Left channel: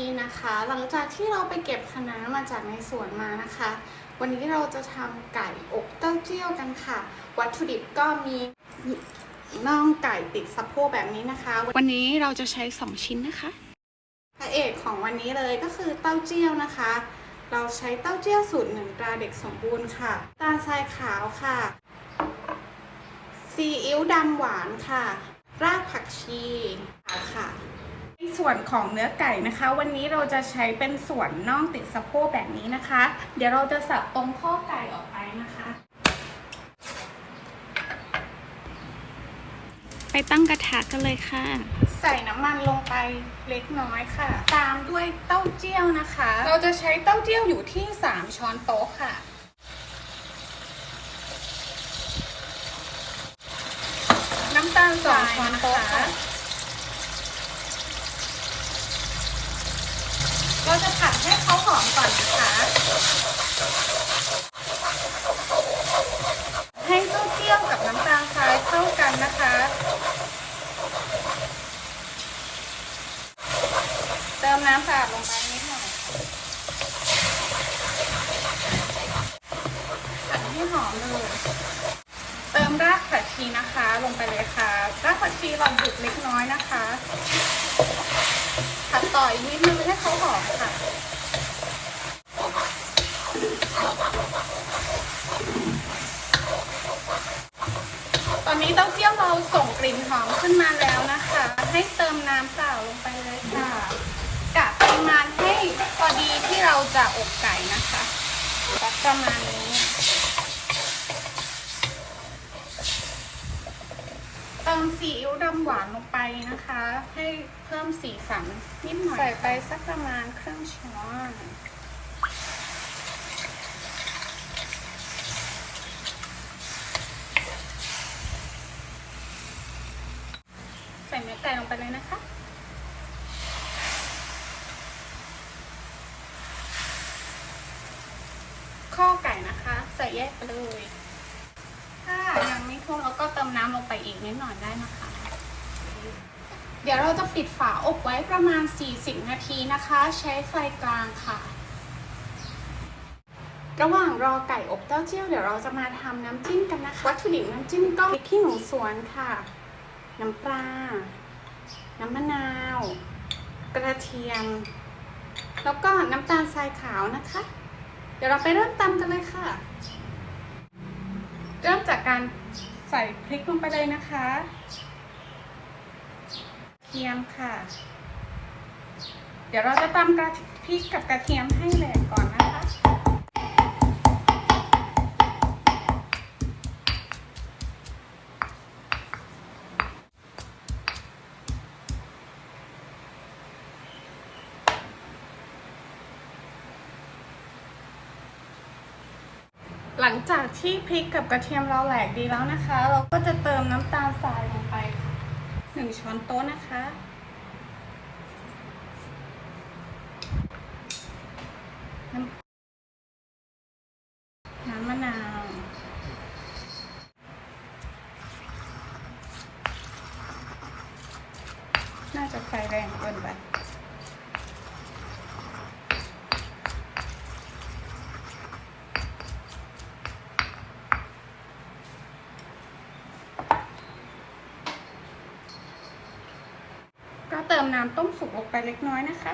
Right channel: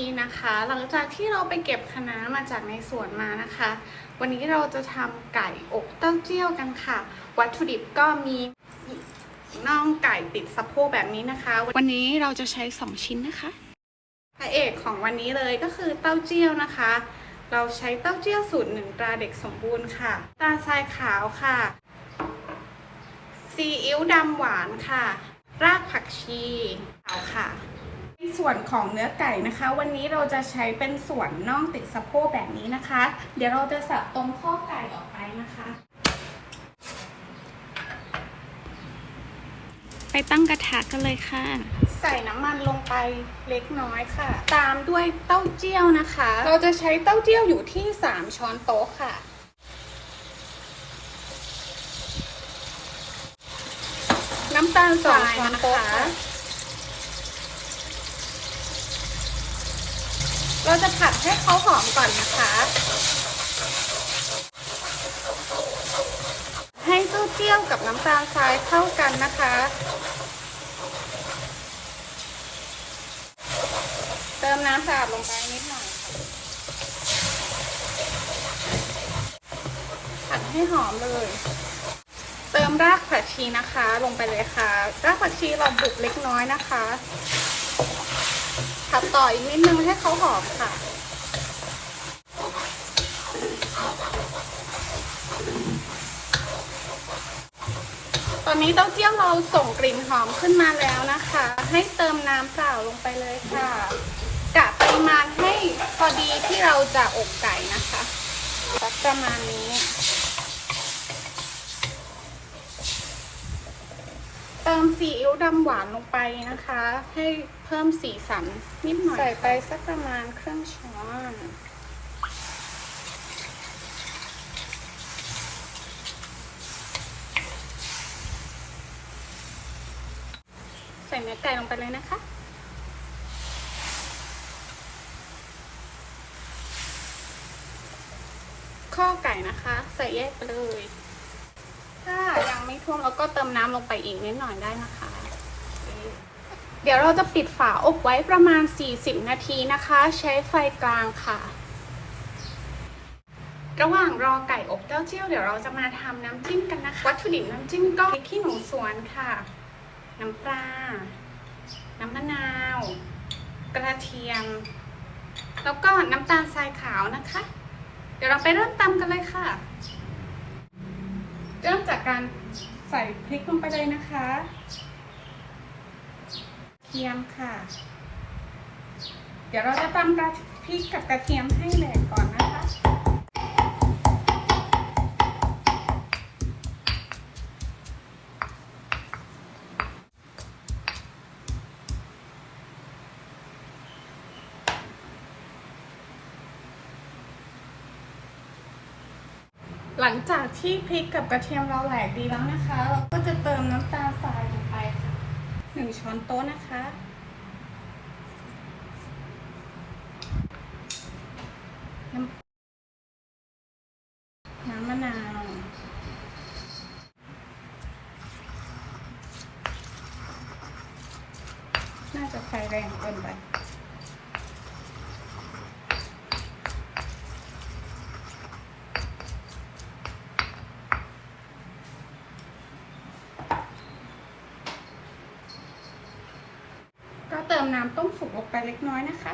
นี้นะคะหลังจากที่เราไปเก็บคะน้ามาจากในสวนมานะคะวันนี้เราจะทำไก่อบเต้าเจี้ยวกันค่ะวัตถุดิบก็มีน่องไก่ติดสะโพกแบบนี้นะคะวันนี้เราจะใช้2ชิ้นนะคะพระเอกของวันนี้เลยก็คือเต้าเจี้ยวนะคะเราใช้เต้าเจี้ยวสูตร1ตราเด็กสมบูรณ์ค่ะน้ำตาลทรายขาวค่ะซีอิ๊วดำหวานค่ะรากผักชีขาวค่ะในส่วนของเนื้อไก่นะคะวันนี้เราจะใช้เป็นส่วนน่องติดสะโพกแบบนี้นะคะเดี๋ยวเราจะสับตรงข้อไก่ออกไปนะคะไปตั้งกระทะกันเลยค่ะใส่น้ำมันลงไปเล็กน้อยค่ะตามด้วยเต้าเจี้ยวนะคะเราจะใช้เต้าเจี้ยวอยู่ที่3ช้อนโต๊ะค่ะน้ำตาล2ช้อนโต๊ะค่ะเราจะผัดให้เขาหอมก่อนนะคะให้เต้าเจี้ยวกับน้ำตาลทรายเข้ากันนะคะเติมน้ำสะอาดลงไปนิดหน่อยให้หอมเลยเติมรากผักชีนะคะลงไปเลยค่ะรากผักชีเราบุกเล็กน้อยนะคะผัดต่ออีกนิดนึงให้เขาหอมค่ะตอนนี้เต้าเจี้ยวเราส่งกลิ่นหอมขึ้นมาแล้วนะคะให้เติมน้ำเปล่าลงไปเลยค่ะกะปริมาณให้พอดีที่เราจะอบไก่นะคะประมาณนี้เติมซีอิ๊วดำหวานลงไปนะคะให้เพิ่มสีสันนิดหน่อยใส่ไปสักประมาณครึ่งช้อนใส่เนื้อไก่ลงไปเลยนะคะข้าวไก่นะคะใส่แยกไปเลยถ้ายังไม่ท่วมเราก็เติมน้ำลงไปอีกนิดหน่อยได้นะคะเดี๋ยวเราจะปิดฝาอบไว้ประมาณ40นาทีนะคะใช้ไฟกลางค่ะระหว่างรอไก่อบเต้าเจี้ยวเดี๋ยวเราจะมาทำน้ำจิ้มกันนะคะวัตถุดิบน้ำจิ้มก็พริกขี้หนูสวนค่ะน้ำปลาน้ำมะนาวกระเทียมแล้วก็น้ำตาลทรายขาวนะคะเดี๋ยวเราไปเริ่มตำกันเลยค่ะเริ่มจากการใส่พริกลงไปเลยนะคะเทียมค่ะเดี๋ยวเราจะตำพริกกับกระเทียมให้แหลกก่อนนะคะหลังจากที่พริกกับกระเทียมเราแหลกดีแล้วนะคะเราก็จะเติมน้ำตาลทรายลงไป1ช้อนโต๊ะนะคะน้ำมะนาวน่าจะไฟแรงเกินไปก็เติมน้ำต้มสุกลงไปเล็กน้อยนะคะ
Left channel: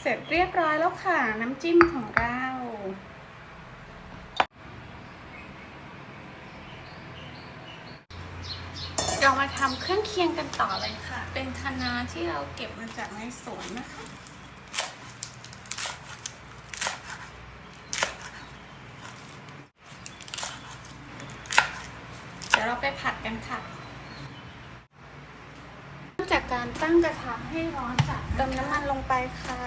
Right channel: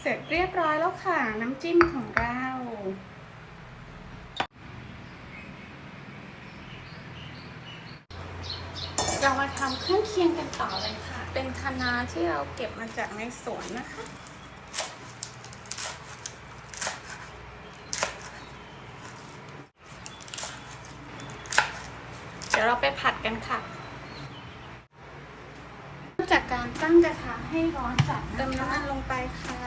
เสร็จเรียบร้อยแล้วค่ะน้ำจิ้มของเราเรามาทำเครื่องเคียงกันต่อเลยค่ะเป็นคะน้าที่เราเก็บมาจากในสวนนะคะเดี๋ยวเราไปผัดกันค่ะจากการตั้งกระทะให้ร้อนจัดเติมน้ำมันลงไปค่ะ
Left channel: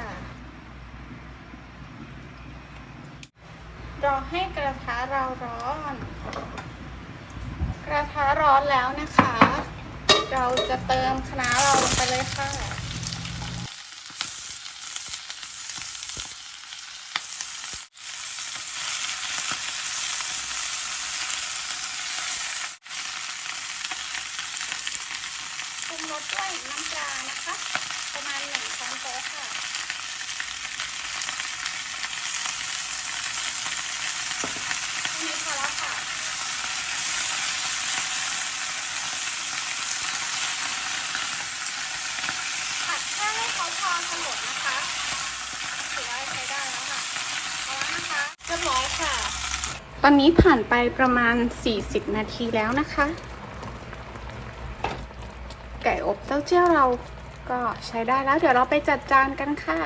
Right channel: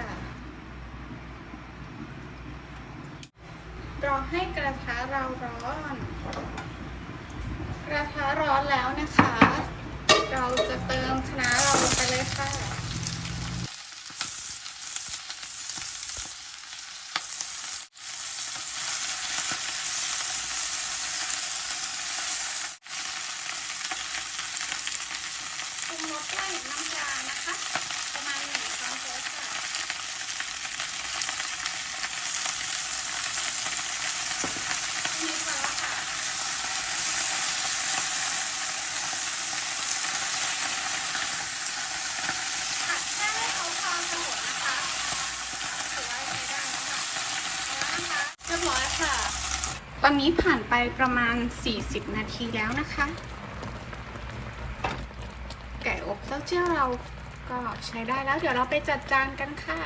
รอให้กระทะเราร้อนกระทะร้อนแล้วนะคะเราจะเติมคะน้าเราลงไปเลยค่ะ จ ร้อยค่ะตอนนี้ผ่านไปประมาณ40นาทีแล้วนะคะไก่อบเต้าเจี้ยวเราก็ใช้ได้แล้วเดี๋ยวเราไปจัดจานกันค่ะ